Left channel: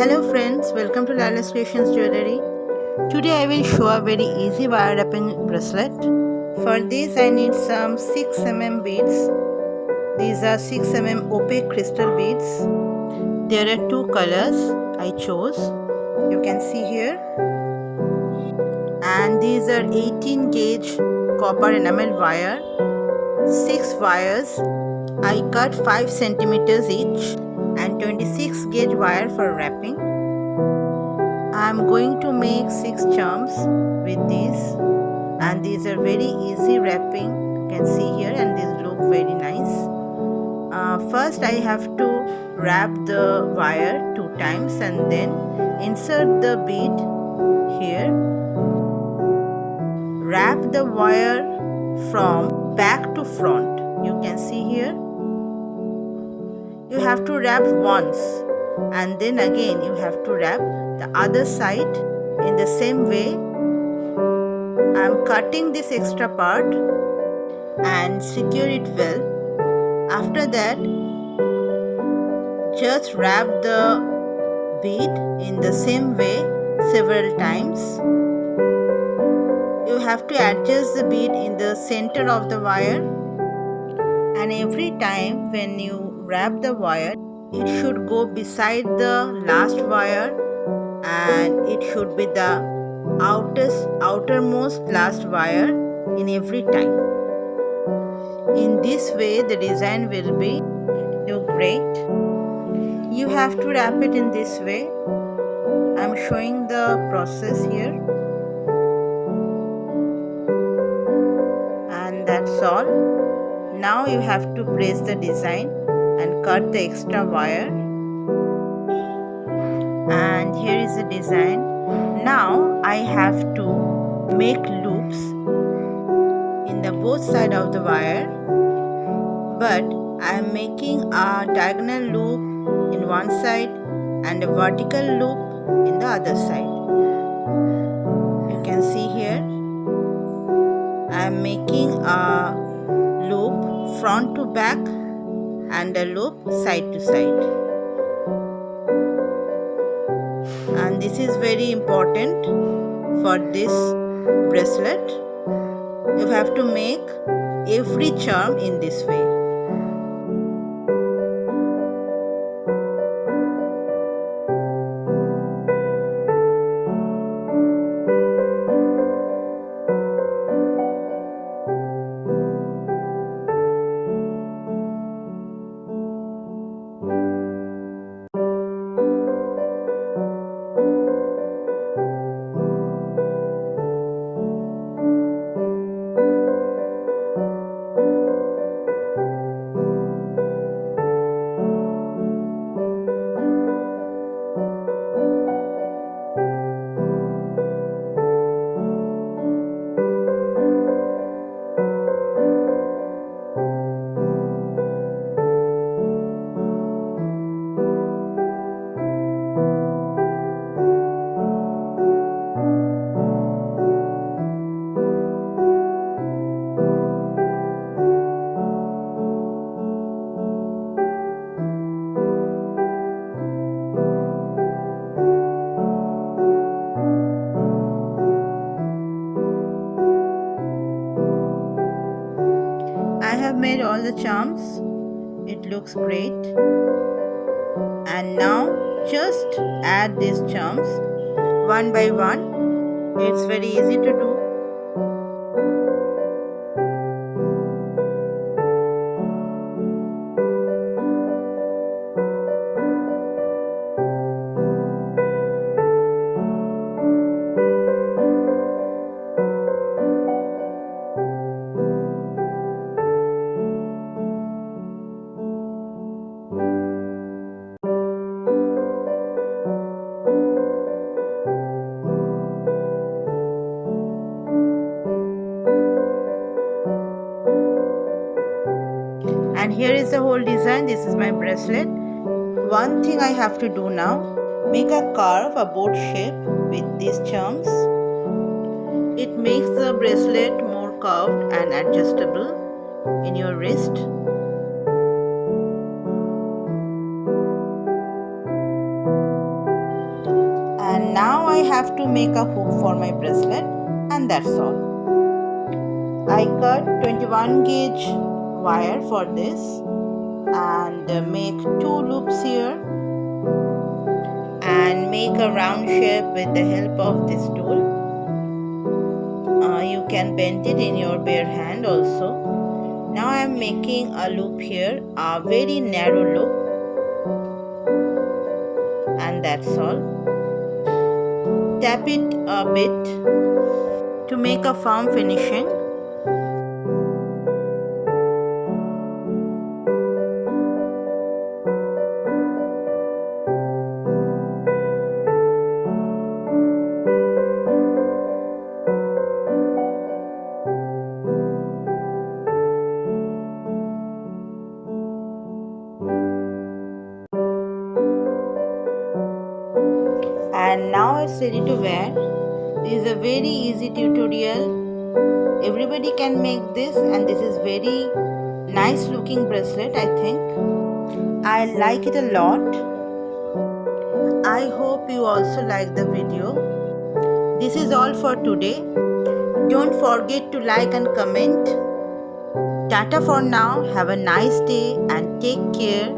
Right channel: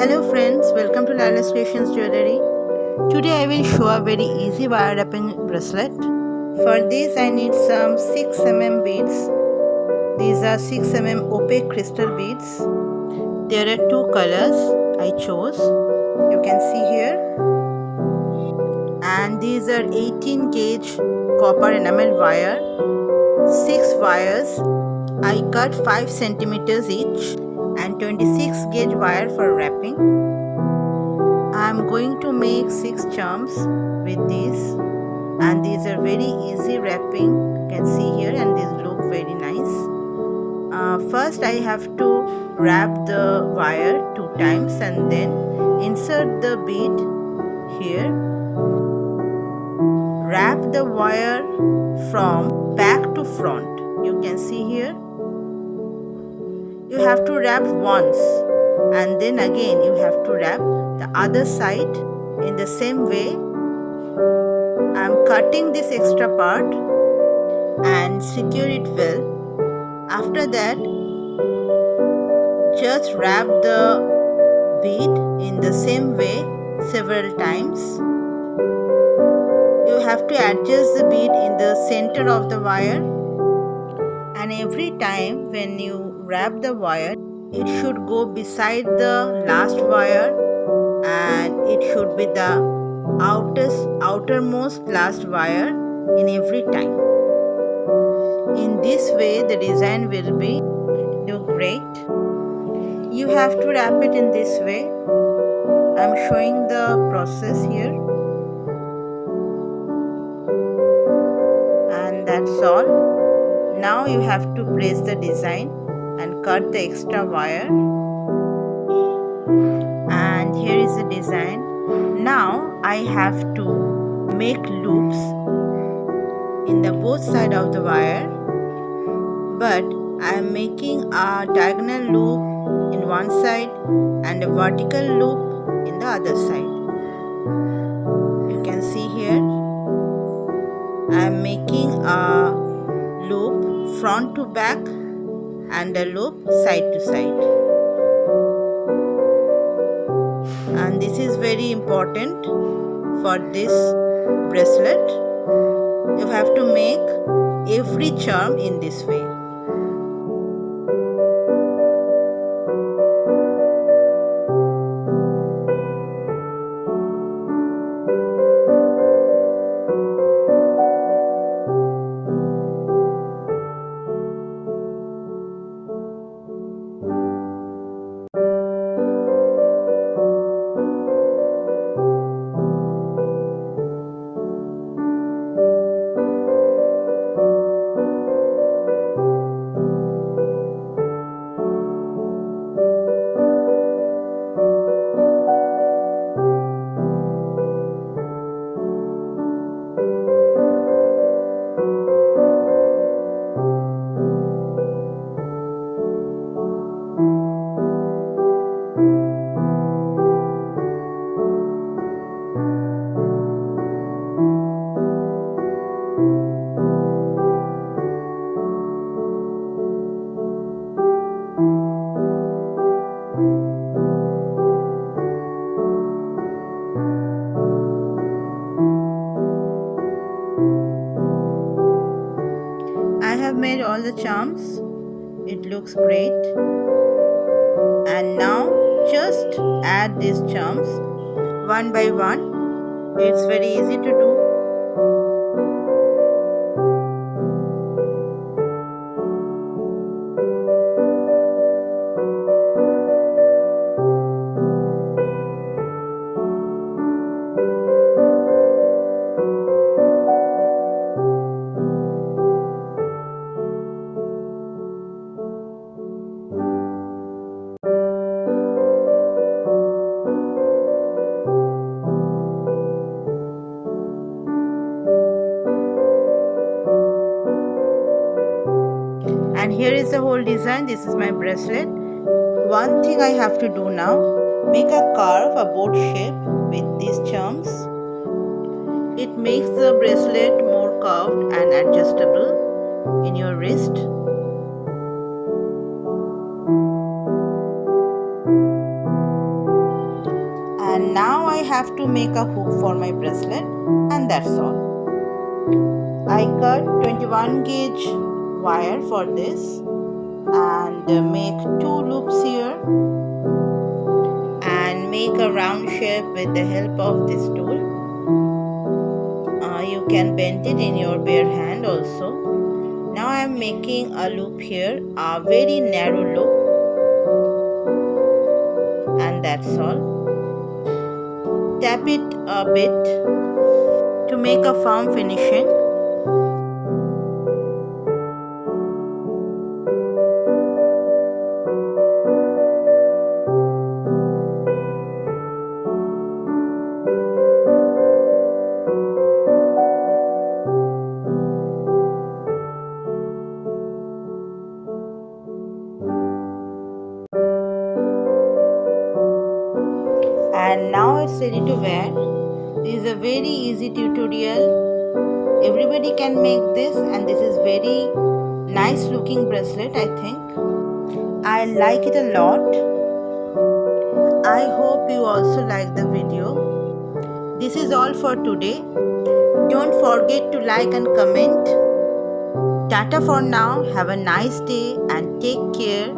Hello friends, welcome to Laila's Creations Jewellery. Today I will show a very easy wire wrapping bracelet. For this I need some 6 mm beads. These are 6 mm opaque crystal beads. There are two colors I chose. You can see here. And these are 18 gauge copper enamel wire. 6 wires. I cut 5 centimeters each and 26 gauge wire for wrapping. I am going to make 6 charms with these, and these are very easy wrapping. You can see here, and these look very nice. First I have to wrap the wire 2 times and then insert the bead here. Wrap the wire from back to front. You can see here. You have to wrap once and then again you have to wrap the other side in the same way. I am cutting this extra part and secure it well. After that, just wrap the bead in the same way several times. You have to adjust the bead in the center of the wire, and every time when you wrap the wire, it should go beside the last wire and it should be the outermost last wire in every time. In this way the design will be look great. You have to wrap it in this way. I am showing the process here, and that's all. Now you have to place the design and cut the extra wire, and here is the design. Now I have to make loops in the both side of the wire, but I am making a diagonal loop in one side and a vertical loop in the other side. You can see here I am making a loop front to back and a loop side to side, and this is very important for this bracelet. You have to make every charm in this way. I have made all the charms. It looks great. And now just add these charms one by one. It's very easy to do. And here is the whole design. This is my bracelet. One thing I have to do now, make a curve, a boat shape with these charms. It makes the bracelet more curved and adjustable in your wrist. And now I have to make a hook for my bracelet, and that's all. I cut 21 gauge wire for this and make 2 loops here and make a round shape with the help of this tool. You can bend it in your bare hand also. Now I am making a loop here, a very narrow loop, and that's all. Tap it a bit to make a firm finishing. And now it's ready to wear. This is a very easy tutorial. Everybody can make this, and this is very nice looking bracelet, I think. I like it a lot. I hope you also like the video. This is all for today. Don't forget to like and comment. Tata for now. Have a nice day and take care.